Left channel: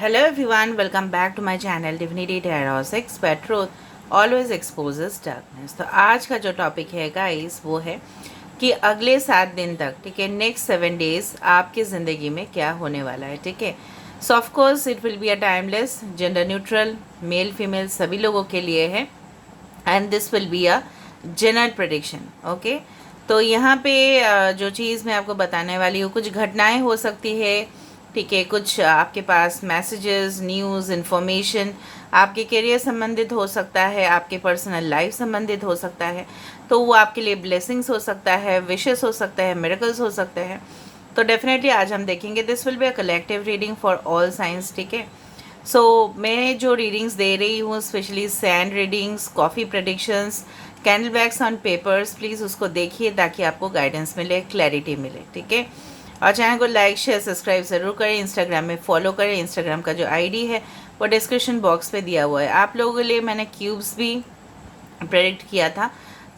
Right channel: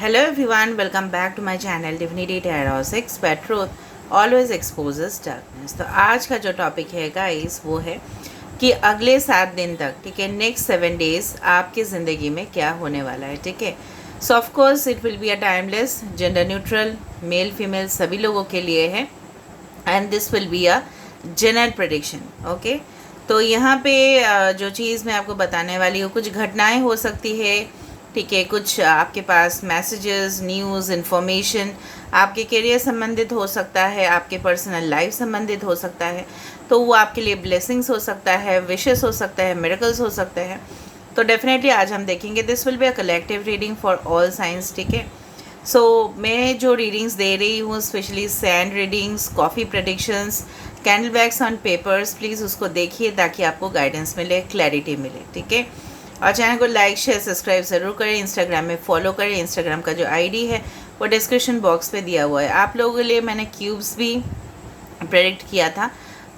Hello everyone, welcome back to my channel Divinity Tarot 6 where truth always exposes darkness। तो आज का जो topic है गाइस वो है कि अगले 7 दिन तक, ठीक है, नेक्स्ट 7 डेज आपकी ज़िंदगी में क्या होने वाला है, ठीक है। सो of course it will be a timeless, gender neutral, male female सभी लोगों के लिए है and this will be a general prediction. Okay, तो यहाँ पे जो चीज़ मैं आपको बताने वाली हूँ, कुछ घटनाएं हो सकती है, ठीक है, कुछ आपके पास मैसेजेस, न्यूज़, इन्फॉर्मेशन आपके करियर संबंधित हो सकता है, आपके पर्सनल लाइफ संबंधित हो सकता है, तो वो आपके लिए ब्लेसिंग्स हो सकता है, विशेस हो सकता है, मिरेकल्स हो सकते हैं। तो डेफिनेटली आज हम देखेंगे, this will be a collective reading for all science, ठीक है। सो मैं जो रीडिंग्स दे रही हूँ, specially sand readings, coffee predictions, candle bags on papers, please उसको देखिए ताकि आपको गाइडेंस मिले, क्लैरिटी मिले, ठीक है। और चैनल को लाइक शेयर सब्सक्राइब ज़रूर करें, इंस्टाग्राम में फॉलो करें। इंस्टाग्राम का जो आईडी है वो डिस्क्रिप्शन बॉक्स पे दिया हुआ है। आप लोगों के लिए मैंने क्यूब्स भी प्रेडिक्ट किया था,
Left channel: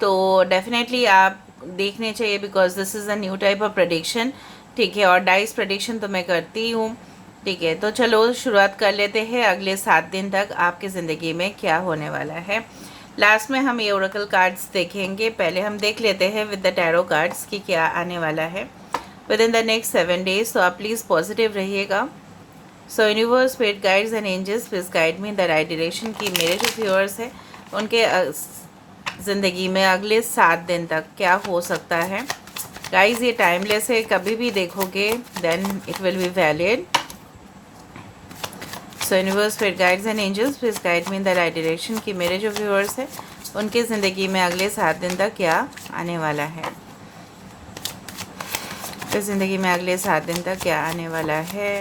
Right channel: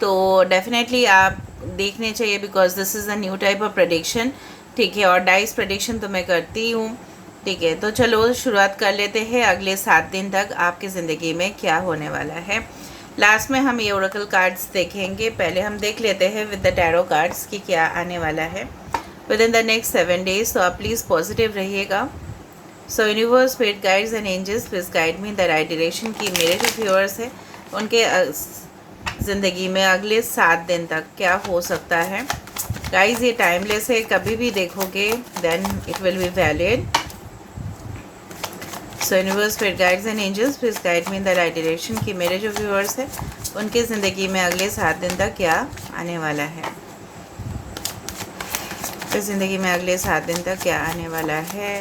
तो डेफिनेटली आप देखने चाहिए because this is a new type of prediction, ठीक है। और डाइस प्रडिक्शन तो मैं करती हूँ, ठीक है। तो चलो शुरुआत कर लेते हैं, अगले 7 दिन तक आपकी ज़िंदगी में क्या होने वाला है। लास्ट में हम ये ओरेकल कार्ड्स देखेंगे, पहले हम देख लेते हैं विद द टैरो कार्ड्स कि क्या आने वाला है within the next 7 days. तो आप प्लीज़ पॉजिटिव रहिएगा। So universe, spirit guides and angels please guide me in the right direction कि मेरे जो व्यूअर्स हैं उनके ज़िंदगी में अगले 7 दिन तक क्या हो सकता है। गाइज ये टाइमलेस है, कभी भी देखोगे then it will be valid. So universe, spirit guides and angels please guide me in the right direction कि मेरे जो व्यूअर्स हैं उनके ज़िंदगी में अगले 7 दिन तक क्या आने वाला है। इस ज़िंदगी में अगले 7 दिन तक क्या आने वाला है।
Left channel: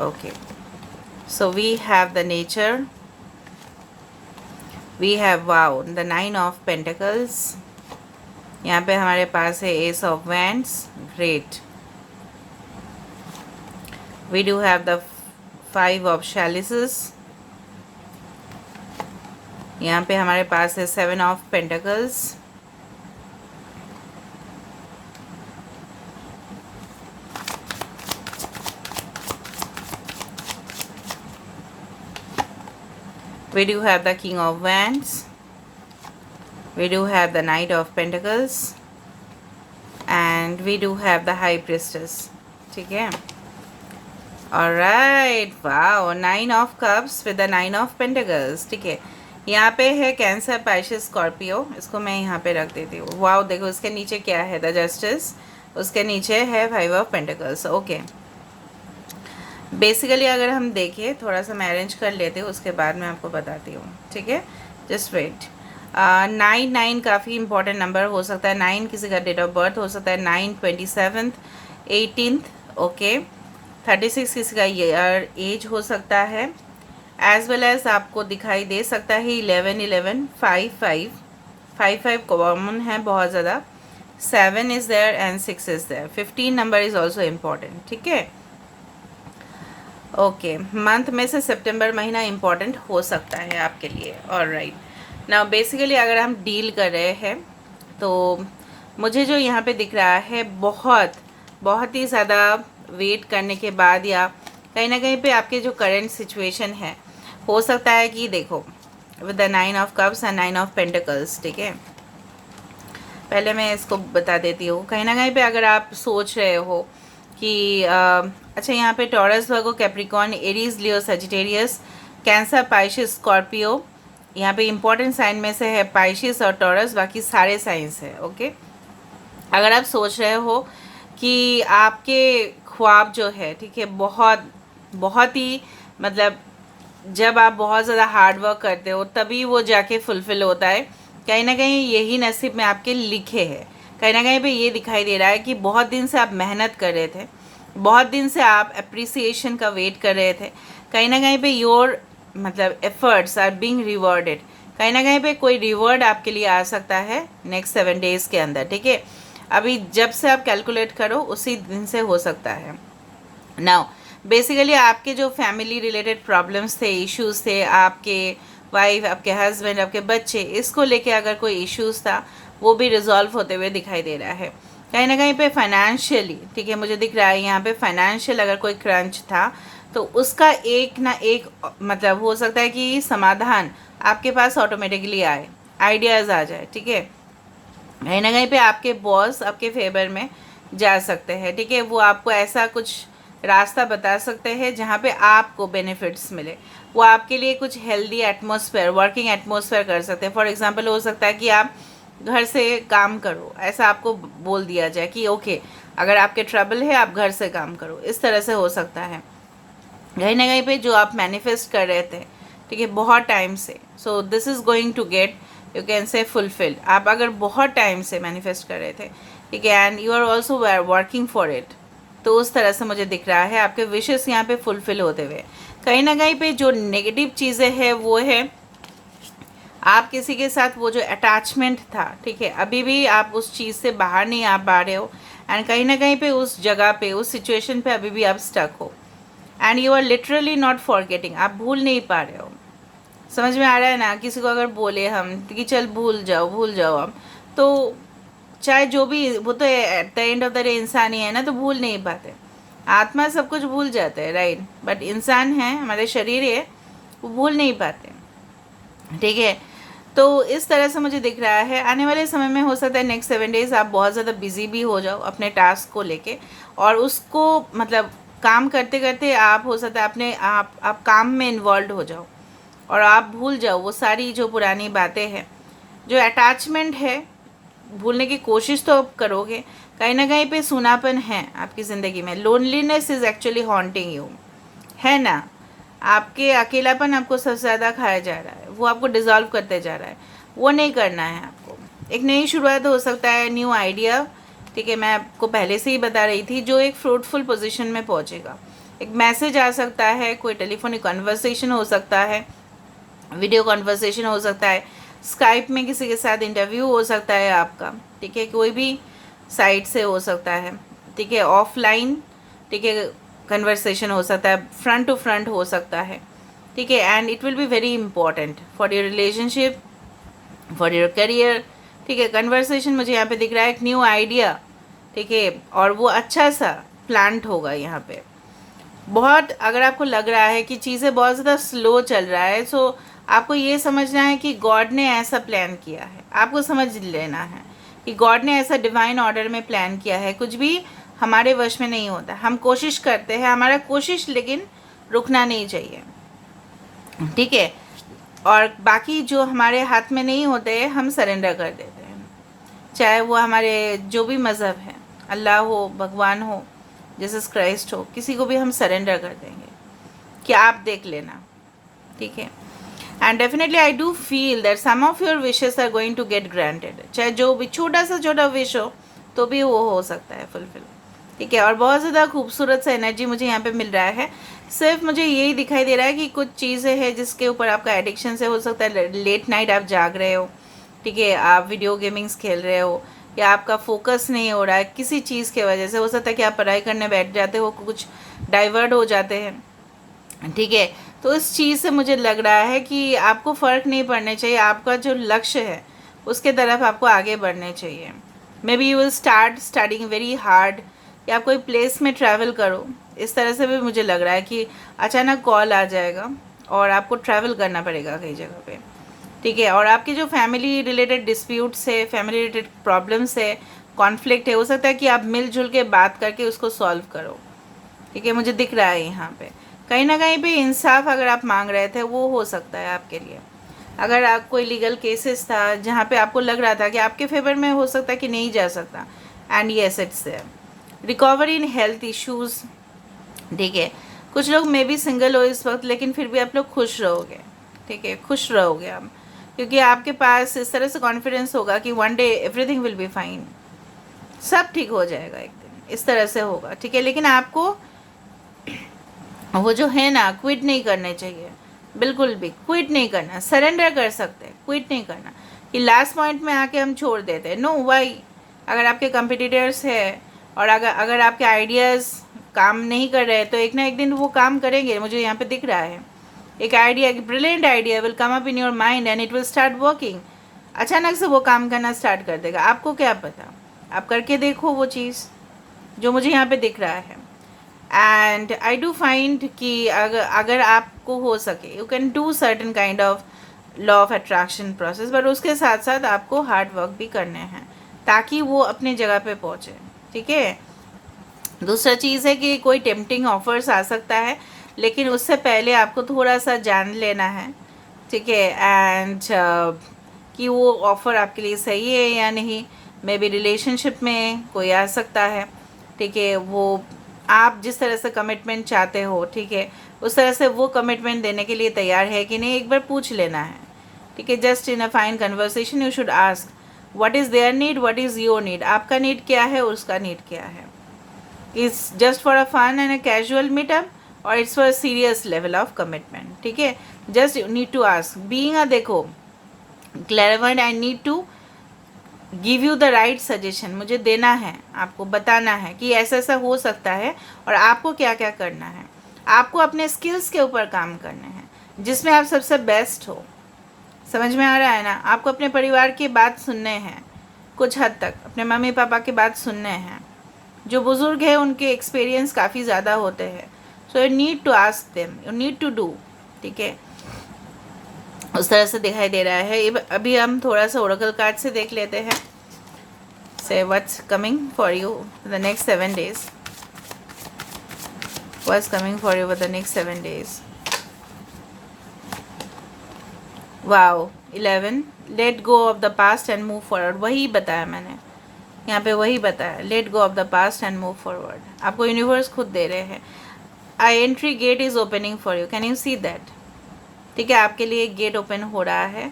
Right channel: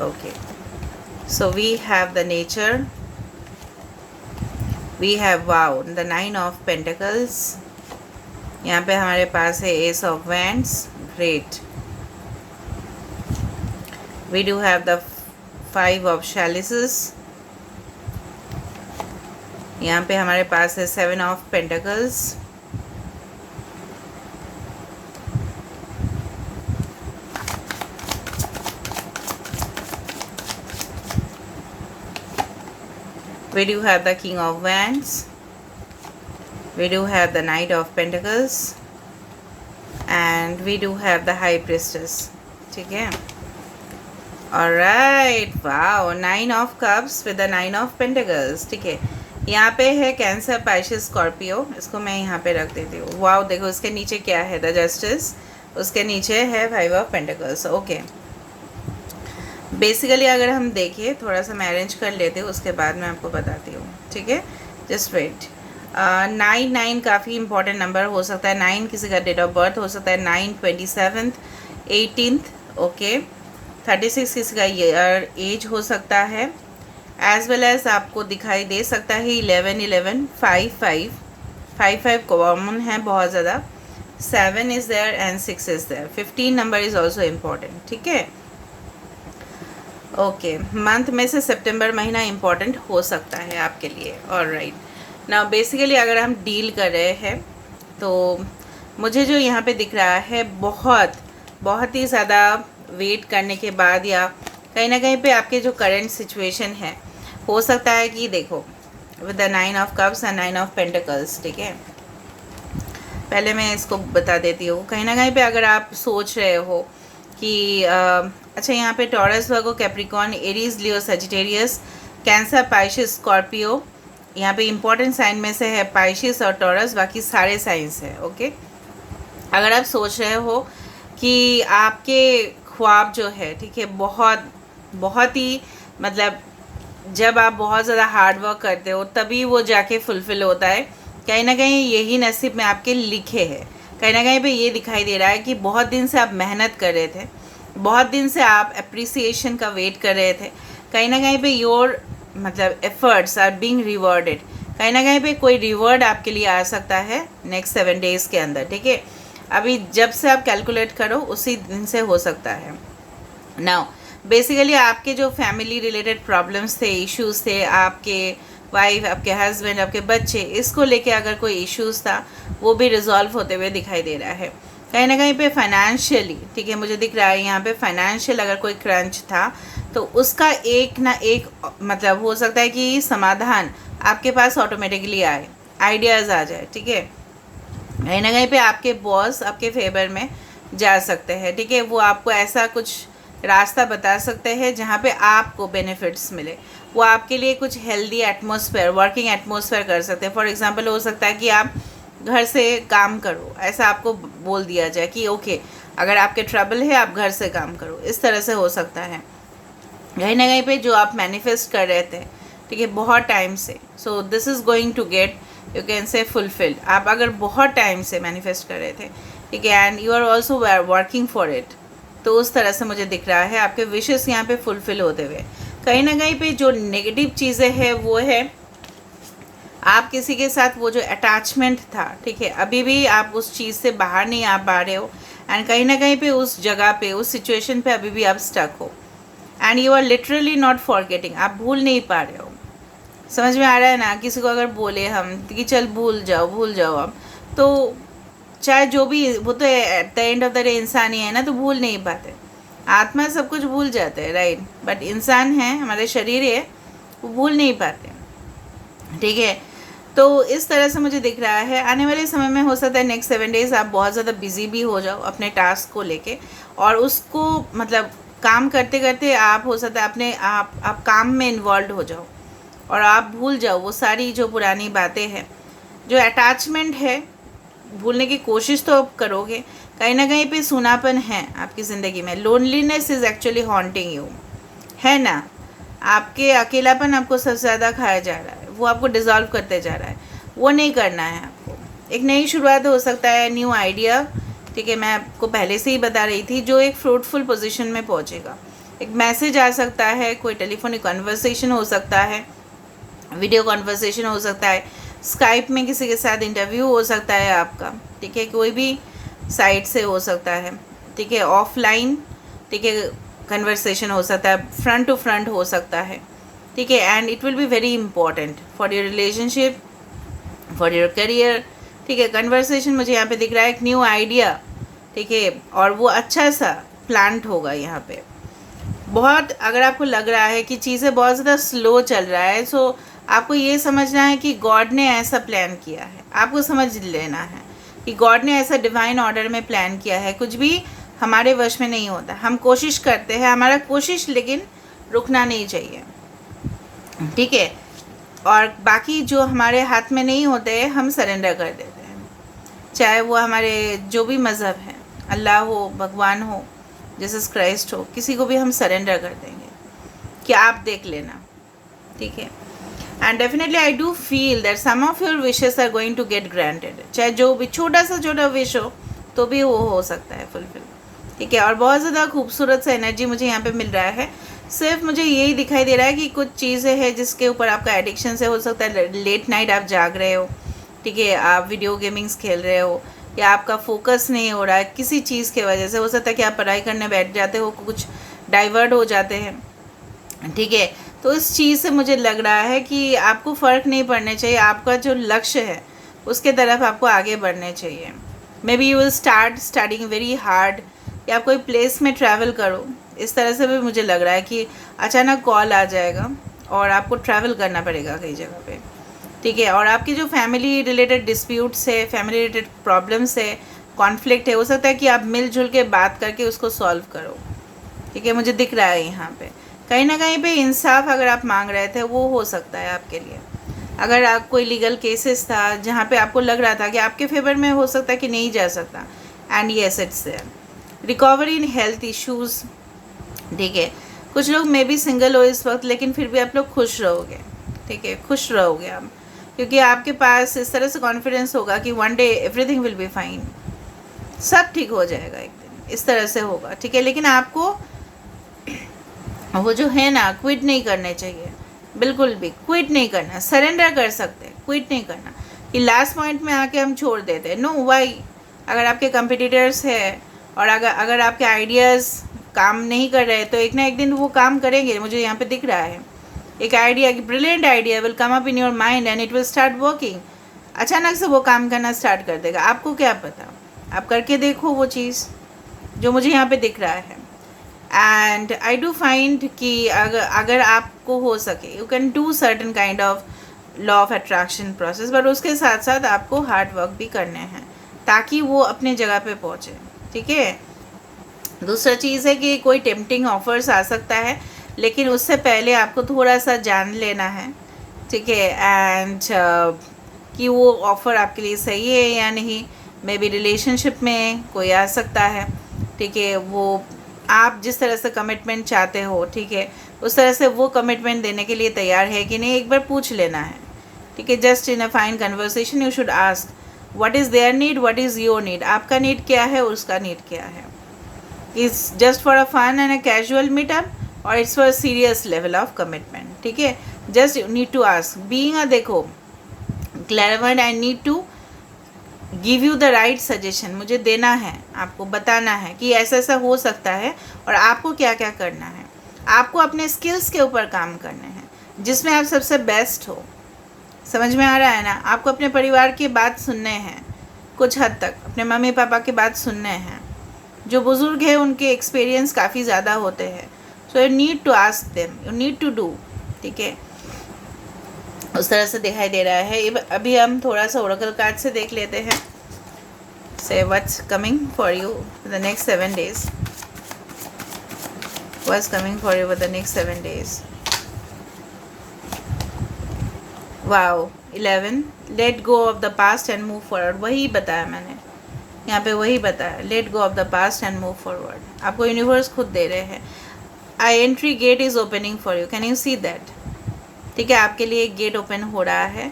Okay, so we have the nature, we have wow, the 9 of pentacles, यहाँ पे हमारे पास है ace of wands, great. We do have the 5 of chalices, यहाँ पे हमारे पास है 7 of pentacles, we do have the King of Wands, we do have the Knight of Pentacles and we do have the High Priestess, ठीक है। Alright, wow, 9 of Cups with the 9 of Pentacles, ठीक है। यहाँ पे है cancer, Pisces, Scorpio, इसको मैं यहाँ पे रख देती हूँ। वाओ, देखो उसके नीचे क्या है, द जस्टिस, उसके नीचे है 5 ऑफ पेंटिकल्स। ओके, बेसिकली अगर हम देखें, थोड़ा सा मैं अरेंज कर लेती हूँ, उसके बाद मैं आपको बताती हूँ, ठीक है। Just wait. 9 काफ़ी इंपॉर्टेंट नंबर हो सकता है। 9 किसी का डेट ऑफ बर्थ हो सकता है, 9, 27, 18, ओके। 36 किसी का ईयर एज हो सकता है, एज वेल एज आपको दिखाई दे सकता है 11, 11, 5, 5, 5, 5 कॉमन है बहुत ज़्यादा, 7 is there and 6 is there, 15 number is also important, ठीक है। ओके, मंथ में से सितंबर महीना इम्पॉर्टेंट हो सकता है आपके लिए। ऑलराइट, नाउ बेसिकली अगर हम डील कर रहे हैं तो मुझे जो यहाँ पे दिख रहा है, बहुत ही ज़्यादा वेट करने के बाद या कहीं ना कहीं पे आपके जो करंट सिचुएशन है, हो सकता है कि देखो with the 9 of cups and 9 of pentacles, ठीक है। पहले मैं इसको बता देती हूँ, कहीं ना कहीं पे अगर आप सोच रहे हो कि अच्छा, यहाँ पे टॉरस, वर्गो, कैप्रिकॉर्न, एरीज, लियो, सजिटेरियस, कैंसर, पाइशिस, स्कॉर्पियो, यहाँ पे इंपॉर्टेंट साइन में से है पाइशिस और टॉरस, बाकी सारे साइंस है। ओके, अगर आप सोच रहे हो कि आपके ख्वाब जो है, ठीक है, बहुत ही मतलब जब आप बहुत ज़्यादा हार्ड वर्क करते हो तभी वो जाके फुलफ़िल होता है, कहीं ना कहीं यही नसीब में आपके लिखे है। कहीं ना कहीं पे ये दिखाई दे रहा है कि बहुत दिन से आप मेहनत कर रहे थे, बहुत दिन से आप अप्रिसिएशन का वेट कर रहे थे, कहीं ना कहीं पे योर मतलब एफर्ट्स आर बीइंग रिवॉर्डेड, कहीं ना कहीं पे कोई रिवॉर्ड आपके लिए आ सकता है नेक्स्ट 7 डेज़ के अंदर, ठीक है। अभी जब से आप कैलकुलेट करो उसी दिन से हो सकता है। नाउ बेसिकली आपके जो फैमिली रिलेटेड प्रॉब्लम्स थे, इश्यूज़ थे, आपके वाइफ, आपके हस्बैंड, आपके बच्चे, इसको लेके अगर कोई इश्यूज़ था वो भी रिजॉल्व होते हुए दिखाई दे रहा है। कहीं ना कहीं पे फाइनेंशियली, ठीक है, मुझे दिख रहा है यहाँ पे फाइनेंशियल अगर कोई क्रंच था तो उसका एक ना एक मतलब हो सकता है कि समाधान आपके पास ऑटोमेटिकली आए, आइडियाज़ आ जाए, ठीक है। कहीं ना कहीं पे आपके बॉस आपके फेवर में जा सकते हैं, ठीक है, वो आपको ऐसा कुछ रास्ता बता सकते हैं जहाँ पे आपको बेनिफिट्स मिले। वो आपके लिए कुछ हेल्दी एटमॉस्फेयर, वर्किंग एटमॉस्फेयर कर सकते हैं। फॉर एग्जांपल हो सकता है कि आप घर से काम करो, ऐसा आपको बोल दिया जाए कि ओके अगर आपके ट्रबल है आप घर से काम करो, इस तरह से हो सकता है। कहीं ना कहीं पे जो आप मैनिफेस्ट कर रहे थे, ठीक है, बहुत टाइम से, so this is going to get, you can say fulfilled. आप अगर बहुत टाइम से मैनिफेस्ट कर रहे थे, ठीक है, and you are also working for it, तो उस तरह से मुझे दिख रहा है आपके विशेस यहाँ पे फुलफिल होते हुए। कहीं ना कहीं पे जो नेगेटिव चीज़ें हैं वो है आप किसी के साथ वो जो अटैचमेंट था, ठीक है, अभी भी आप उस चीज़ से बाहर नहीं आ पा रहे हो, एंड कहीं ना कहीं पे उस जगह पे, उस सिचुएशन पे अभी भी आप स्टक हो, and you are literally not forgetting, आप भूल नहीं पा रहे हो। समझ में आ रहा है ना, किसी को अगर बोले हम कि चल भूल जाओ अब, तो चाहे जो भी, वो तो at the end of the day इंसान ही है ना, तो भूल नहीं पाते। आत्मा सब कुछ भूल जाते हैं, राइट, बट इंसान है, हमारे शरीर है, वो भूल नहीं पाते, ठीक है। तो इस तरह से मुझे दिख रहा है आने वाले समय में हो सकता है नेक्स्ट 7 डेज़ आप बहुत ज़्यादा बिजी भी हो जाओ अपने टास्क को लेके, और उसको मतलब काम करते करते आप हो सकता है अपने आप काम में इन्वॉल्व हो जाओ और आप भूल जाओ वो सारी जो पुरानी बातें हैं, जो अटैचमेंट है, भूलने की कोशिश तो आप करोगे। कहीं ना कहीं पे सूनापन है आपकी ज़िंदगी में, loneliness is actually haunting you, है ना, आपके अकेलापन आपको सबसे ज़्यादा खाया जा रहा है, वो आपको डिज़ोल्व करते जा रहा है, वो नहीं करना है आपको। एक नई शुरुआत हो सकता है, न्यू आइडिया, ठीक है, मैं आपको पहले से ही बता रही थी, जो एक फ्रूटफुल पोजीशन में पहुंचेगा। एक मैसेज आ सकता है, कोई टेलीफोनिक कन्वर्सेशन हो सकता है, वीडियो कन्वर्सेशन हो सकता है, स्काइप में किसी के साथ इंटरव्यू हो सकता है आपका, ठीक है, कोई भी साइट से हो सकता है, ठीक है, ऑफलाइन, ठीक है, कन्वर्सेशन हो सकता है, फ्रंट टू फ्रंट हो सकता है, ठीक है, and it will be very important for your relationship, for your career, ठीक है। कन्वर्सेशन मुझे यहाँ पे दिख रहा है, एक न्यू आइडिया, ठीक है, और वो अच्छा सा प्लांट होगा यहाँ पे। बहुत अगर आपको लग रहा है कि चीज़ें बहुत ज़्यादा स्लो चल रहा है, सो आपको ये समझना है कि गॉड ने ऐसा प्लान किया है, आपको समझ लेना है कि गॉड ने ऐसा डिवाइन ऑर्डर में प्लान किया है। कुछ भी हमारे वश में नहीं होता, हम कोशिश करते हैं, हमारा कोशिश लेकिन रुकना नहीं चाहिए, ठीक है, और बाकी जो हमारे हाथ में नहीं होते हम सरेंडर कर देते हैं, चाहे वो हमारे जो भी मज़हब है, अल्लाह हो, भगवान हो, जीसस क्राइस्ट हो, किसी को भी हम सरेंडर कर देंगे कि आप देख लेना, ठीक है। And definitely I do feel that some of your wishes are going to get granted, चाहे जो भी छोटा सा छोटा विश हो तो भी वो हो सकता है फुलफिल, ठीक है। और बहुत ज़्यादा खूबसूरत सा एनर्जी मुझे यहाँ पे मिल रहा है। सिर्फ मुझे यही दिखाई दे रहा है कि कुछ चीज़ें हैं जिसके ऊपर आपका एडिक्शन से हो सकता है, लेट नाइट आप जाग रहे हो, ठीक है, आप वीडियो गेमिंग्स खेल रहे हो, या आपका फोकस नहीं हो रहा है किसी चीज़ के वजह से, हो सकता है कि आप पढ़ाई करने बैठ जाते हो, कुछ डाइवर्ट हो जाते हैं, ठीक है। तो इस चीज़ से मुझे लग रहा है कि आपको फ़र्क नहीं पड़ना चाहिए, आपका जो लक्ष्य है उसके तरफ आपको आगे बढ़ने चाहिए। May be you will start studying very hard, या आप कोई प्लेस में ट्रैवल करो, इस तरह से भी मुझे लग रहा है कि अचानक कॉल आ जाएगा और आपको ट्रैवल करना पड़ेगा कई जगह पे, ठीक है। और आपकी जो फैमिली रिलेटेड डिस्प्यूट्स है, फैमिली रिलेटेड प्रॉब्लम्स है, कॉन्फ्लिक्ट है, हो सकता है कि आप मिलजुल के बात करके उसको सॉल्व करो, ठीक है, मुझे दिख रहा है यहाँ पे। कहीं ना कहीं पे इंसाफ अगर आप मांग रहे थे वो हो सकता है आपके लिए। अगर आप कोई लीगल केसेस था जहाँ पे आपको लग रहा था कि आपके फेवर में हो सकता है कि नहीं जा सकता, and yes it's there. Recovery in health issues, ठीक है, कुछ लोग मे बी सिंगल हो इस वक्त, लेकिन फिर भी आप लोग खुश रहोगे, ठीक है, खुश रहोगे आप, क्योंकि आपके पास इस तरह से कॉन्फिडेंस होगा कि one day everything will be fine, सब ठीक हो जाएगा एक दिन, इस तरह से होगा, ठीक है। लेकिन आपको वो जो है ना, क्विट नहीं करने चाहिए, बिल्कुल भी क्विट नहीं करना, सरेंडर कर सकते हैं, क्विट नहीं करना कि लास्ट पॉइंट में आके हम छोड़ देते हैं, नो वाई। अगर आपके कंपिटिटर्स है और अगर आपके आइडियाज़ काम नहीं कर रहे तो एक ना एक दिन वो काम करेंगे, मुझे यहाँ पे दिख रहा है। एक आइडिया, एक brilliant idea will come up in your mind and it will start working, अचानक से वो काम करना स्टार्ट कर देगा, आपको क्या पता, आप करके देखो वो चीज़ जो मुझे यहाँ पे दिख रहा है। एंड आई डू फाइंड कि अगर आपको हो सके, you can do certain kind of law of attraction process, but उसके साथ साथ आपको हार्ड वर्क भी करने हैं ताकि वो अपनी जगह पे पहुँचे। ठीक है। दूसरा चीज़ है कि कोई टेम्पटिंग ऑफर्स आ सकता है, लेकिन उससे पहले आपको थोड़ा सा जान लेना है। ठीक है। एंड कि वो ऑफ़र आपके लिए सही है या नहीं। मे बी रिलेशनशिप में कोई आ सकता है। ठीक है। वो आप जिस तरह से कमिटमेंट चाहते हो, ठीक है, उस तरह से वो कमिटमेंट देने के लिए तैयार है कि नहीं, एक बार पूछ लेना है। ठीक है। Just in a fine conversation you should ask what is there need, what is your need. आपका नीड क्या है, उसका नीड क्या है। Is just for a fun and a casual meetup और it's for a serious level of commitment. ठीक है। Just you need to ask being a, देखो, clarified, I need to give you the right suggestion. मुझे देना है, आपको बताना है कि ऐसा ऐसा हो सकता है और आपको क्या क्या करना है। आपको अपने स्किल्स के ऊपर काम करना है जिसमें आप सबसे बेस्ट हो। समझ में आ रहा है ना। आपको अपने परिवार की बात सुनने हैं, कुछ हद तक अपने मम्मी पापा की बात सुनने हैं। जो बुज़ुर्ग हैं उनके एक्सपीरियंस काफ़ी ज़्यादा होते हैं। So you need to ask them, you need to do. ठीक है। उस तरह से दिखाई दे रहा है। अभी हम थोड़ा सा ओरेकल कार्ड से देख लेते हैं। Say what's coming for you the next 7 days, what's coming for you the next 7 days। Wow, 11, let go of the past and move forward. वही बताया मैंने यहाँ पे, वही बताया, let go of the past and move forward. आपको universe खुद दे रहे हैं। I entry gate is opening for you, can you see that. ठीक है। आपके लिए एक गेट ओपन हो रहा है।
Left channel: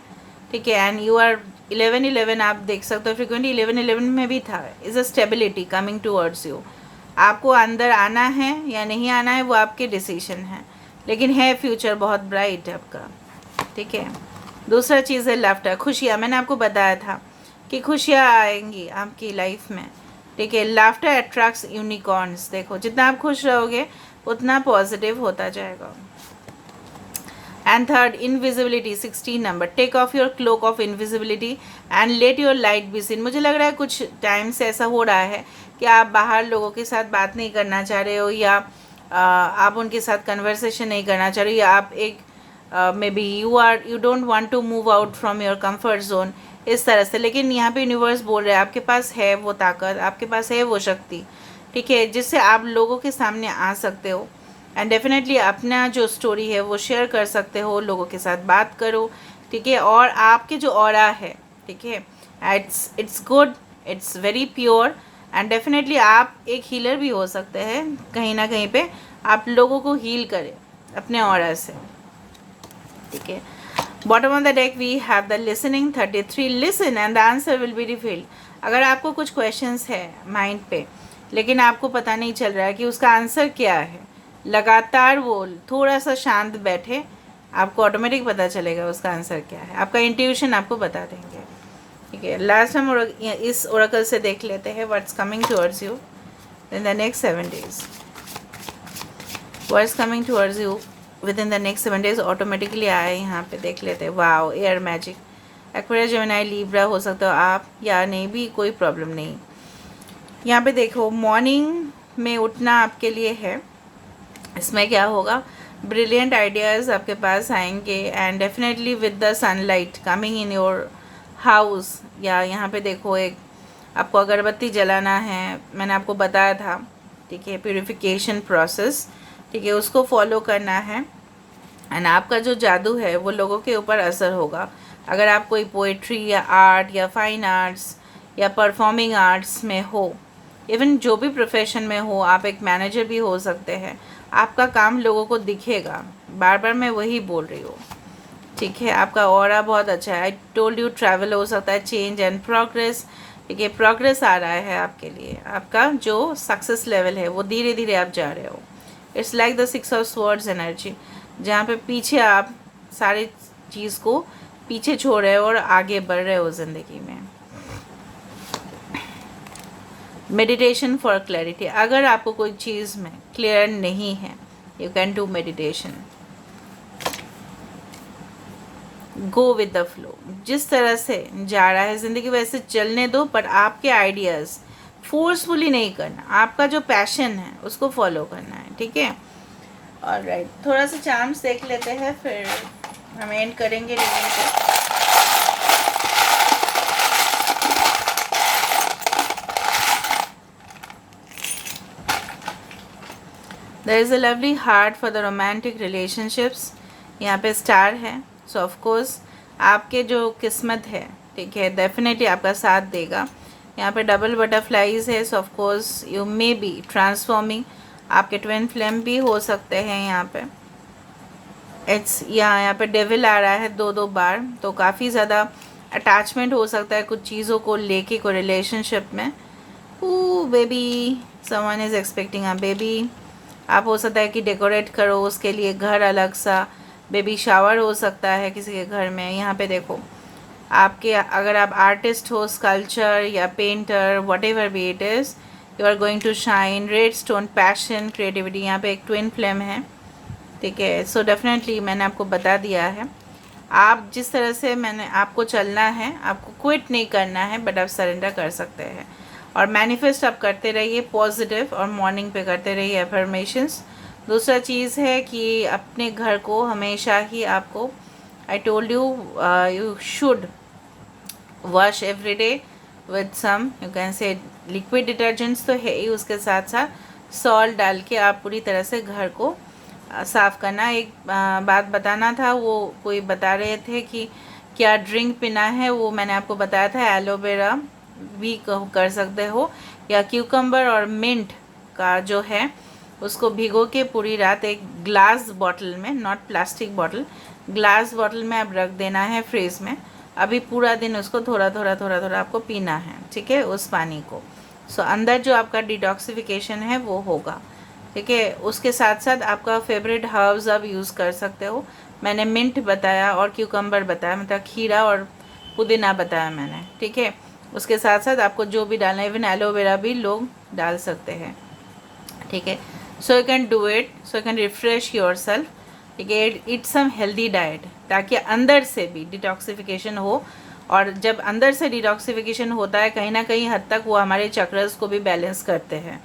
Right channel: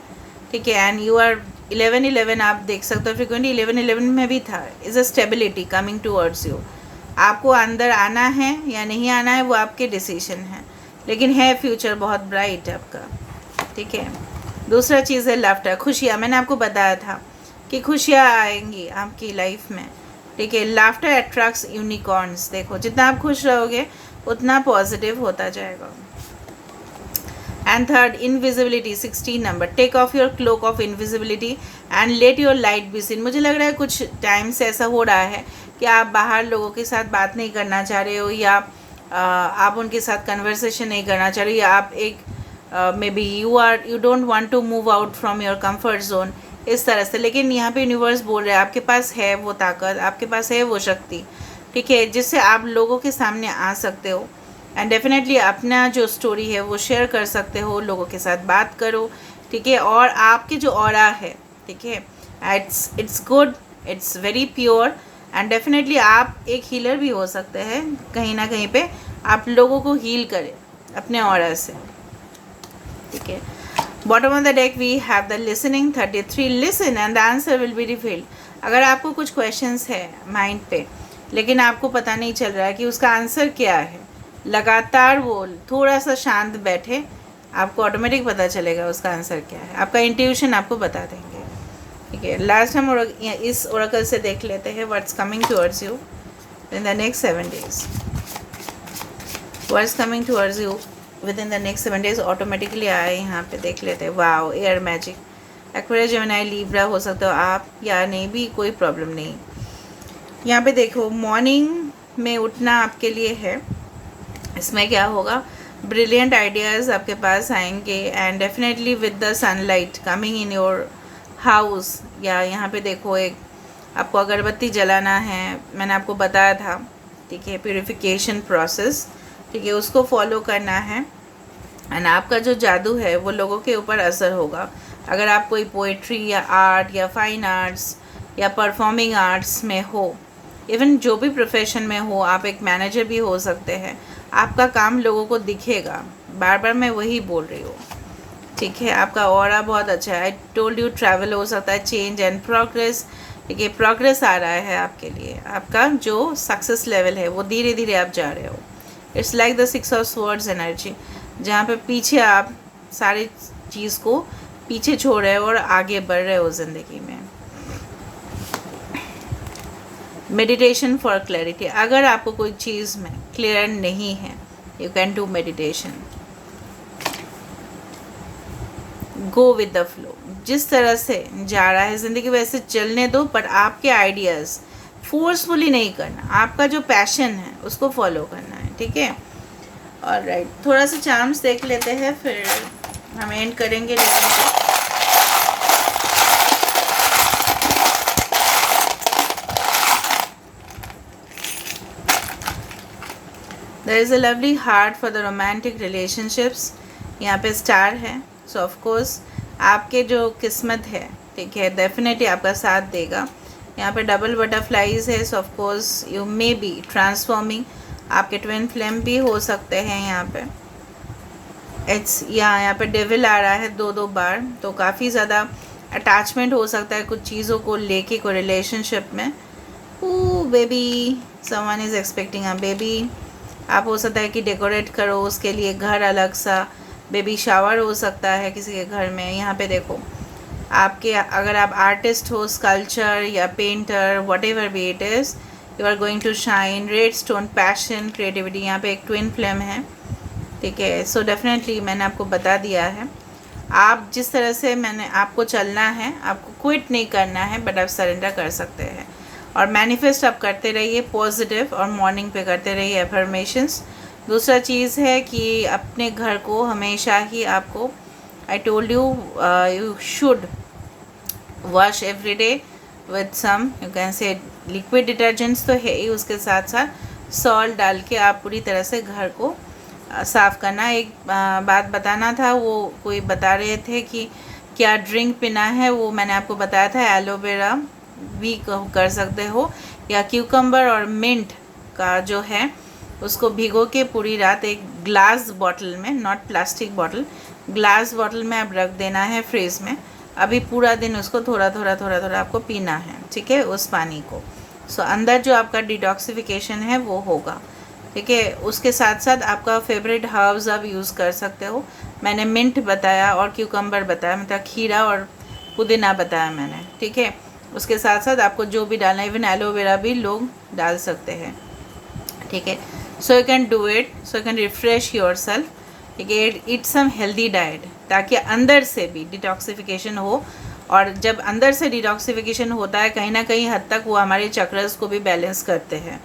ठीक है। एंड यू आर 11-11, आप देख सकते हो फ्रिक्वेंटली 11-11 में भी था। Is a stability coming towards you. आपको अंदर आना है या नहीं आना है वो आपके डिसीजन है, लेकिन है फ्यूचर बहुत ब्राइट आपका। ठीक है। दूसरा चीज़ है लाफ्टर, खुशियाँ। मैंने आपको बताया था कि खुशियाँ आएंगी आपकी लाइफ में। ठीक है। Laughter attracts unicorns. देखो, जितना आप खुश रहोगे उतना पॉजिटिव होता जाएगा। And third, invisibility, 16 number. Take off your cloak of invisibility and let your light be seen. मुझे लग रहा है कुछ टाइम से ऐसा हो रहा है कि आप बाहर लोगों के साथ बात नहीं करना चाह रहे हो, या आप उनके साथ कन्वर्सेशन नहीं करना चाह रहे हो, या आप एक maybe you don't want to move out from your comfort zone, इस तरह से। लेकिन यहाँ पे यूनिवर्स बोल रहा है आपके पास है वो ताकत, आपके पास है वो शक्ति। ठीक है। जिससे आप लोगों के सामने आ सकते हो एंड डेफिनेटली अपना जो स्टोरी है वो शेयर कर सकते हो, लोगों के साथ बात करो। ठीक है। और आपके जो ऑरा है, ठीक है, it's good, it's very pure and definitely आप एक हीलर भी हो सकते हैं। कहीं ना कहीं पे आप लोगों को हील करें अपने ऑरा से। ठीक है। Bottom of the deck we have the listening 33, listen and the answer will be revealed. अगर आपको कुछ क्वेश्चंस है माइंड पे, लेकिन आपको पता नहीं चल रहा है कि उसका आंसर क्या है, लगातार वो थोड़ा सा शांत बैठे, आपको ऑटोमेटिक पता चलेगा उसका आंसर क्या है। आपका इंट्यूशन आपको बता देंगे। ठीक है। लास्ट हम इस ओरेकल से देख लेते हैं what's coming towards you in the next 7 days। What's coming towards you with in the next 7 days automatically आए। यहाँ पे देख लेते हैं। Wow, air magic, Aquarius, Gemini, Libra हो सकते हो आप, या नहीं भी, कोई प्रॉब्लम नहीं। यहाँ पे देखो, मॉर्निंग में उठना आपके लिए है। इसमें क्या होगा, ब्रिलियंट आइडियाज़ आपके पास आएंगे and definitely with the sunlight coming in your house. या यहाँ पे देखो, एक आपको अगरबत्ती जलाना है, मैंने आपको बताया था। ठीक है। प्यूरिफिकेशन प्रोसेस, ठीक है, उसको फॉलो करना है एंड आपका जो जादू है वो लोगों के ऊपर असर होगा। अगर आप कोई पोइट्री या आर्ट या फाइन आर्ट्स या परफॉर्मिंग आर्ट्स में हो, इवन जो भी प्रोफेशन में हो, आप एक मैनेजर भी हो सकते हैं, आपका काम लोगों को दिखेगा। बार बार मैं वही बोल रही हूँ। ठीक है। आपका ऑरा बहुत अच्छा है। आई टोल्ड यू, ट्रैवल हो सकता है, चेंज एंड प्रोग्रेस। ठीक है। प्रोग्रेस आ रहा है आपके लिए। आपका जो सक्सेस लेवल है वो धीरे धीरे आप जा रहे हो। It's like the 6 of Swords energy, जहाँ पे पीछे आप सारी चीज़ को पीछे छोड़ रहे हो और आगे बढ़ रहे हो ज़िंदगी में। मेडिटेशन फॉर क्लैरिटी, अगर आपको कोई चीज़ में क्लियर नहीं है, you can do meditation. Go with the flow, जिस तरह से जा रहा है ज़िंदगी वैसे चलने दो, पर आपके आइडियाज़ फोर्सफुली नहीं करना, आपका जो पैशन है उसको फॉलो करना है, ठीक है। ऑलराइट, थोड़ा सा चार्म्स देख लेते हैं, फिर हम एंड करेंगे रीडिंग को। There is a lovely heart for the romantic relationships, यहाँ पे स्टार है। सो ऑफ कोर्स आपके जो किस्मत है, ठीक है, डेफिनेटली आपका साथ देगा। यहाँ पे डबल बटरफ्लाइज है। सो of course you may be transforming, आपके ट्विन फ्लेम भी हो सकते हैं यहाँ पे। इट्स यहाँ पे डेविल आ रहा है दो बार, तो काफ़ी ज़्यादा अटैचमेंट हो सकता है कुछ चीज़ों को लेके, कोई रिलेशनशिप में। Baby, someone is expecting a baby. आप हो सकता है कि डेकोरेट करो उसके लिए घर, अलग सा बेबी शावर हो सकता है किसी के घर में। यहाँ पे देखो, आपके अगर आप आर्टिस्ट हो, स्कल्पचर या painter, whatever be it is, you are going to shine. Red stone, passion, creativity. यहाँ पे एक ट्विन फ्लेम है, ठीक है। सो डेफिनेटली मैंने आपको बता दिया है, आप जिस तरह से मैंने आपको चलना है, आपको क्विट नहीं करना है, बट आप सरेंडर कर सकते हैं। और मैनिफेस्ट आप करते रहिए पॉजिटिव, और मॉर्निंग पे करते रहिए एफर्मेशंस। दूसरा चीज़ है कि अपने घर को हमेशा ही आपको, I told you, you should wash every day with some, you can say liquid detergents तो है ही, उसके साथ साथ सॉल्ट डाल के आप पूरी तरह से घर को साफ़ करना। एक बात बताना था, वो कोई बता रहे थे कि क्या ड्रिंक पीना है, वो मैंने आपको बताया था एलोवेरा भी कर सकते हो, या क्यूकम्बर और मिंट का जो है उसको भिगो के पूरी रात एक ग्लास बॉटल में, not plastic bottle, glass bottle में आप रख देना है फ्रिज में। अभी पूरा दिन उसको थोड़ा थोड़ा आपको पीना है, ठीक है, उस पानी को। सो अंदर जो आपका डिटॉक्सिफिकेशन है वो होगा, ठीक है। उसके साथ साथ आपका फेवरेट हर्ब्स आप यूज़ कर सकते हो। मैंने मिंट बताया और क्यूकम्बर बताया, मतलब खीरा और पुदीना बताया मैंने, ठीक है। उसके साथ साथ आपको जो भी डालना है, इवन एलोवेरा भी लोग डाल सकते हैं, ठीक है। So you can do it, so you can refresh your self, ठीक है। ईट सम हेल्दी डाइट, ताकि अंदर से भी डिटॉक्सिफिकेशन हो। और जब अंदर से डिटॉक्सिफिकेशन होता है, कहीं ना कहीं हद तक वो हमारे चक्रस को भी बैलेंस करते हैं।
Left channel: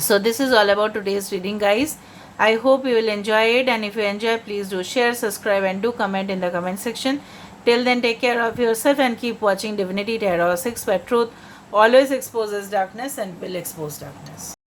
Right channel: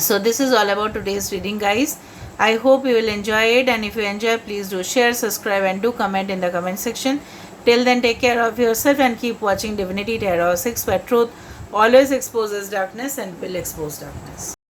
So this is all about today's reading, guys. I hope you will enjoy it, and if you enjoy, please do share, subscribe, and do comment in the comment section. Till then, take care of yourself and keep watching Divinity Tarot 6, where truth always exposes darkness and will expose darkness.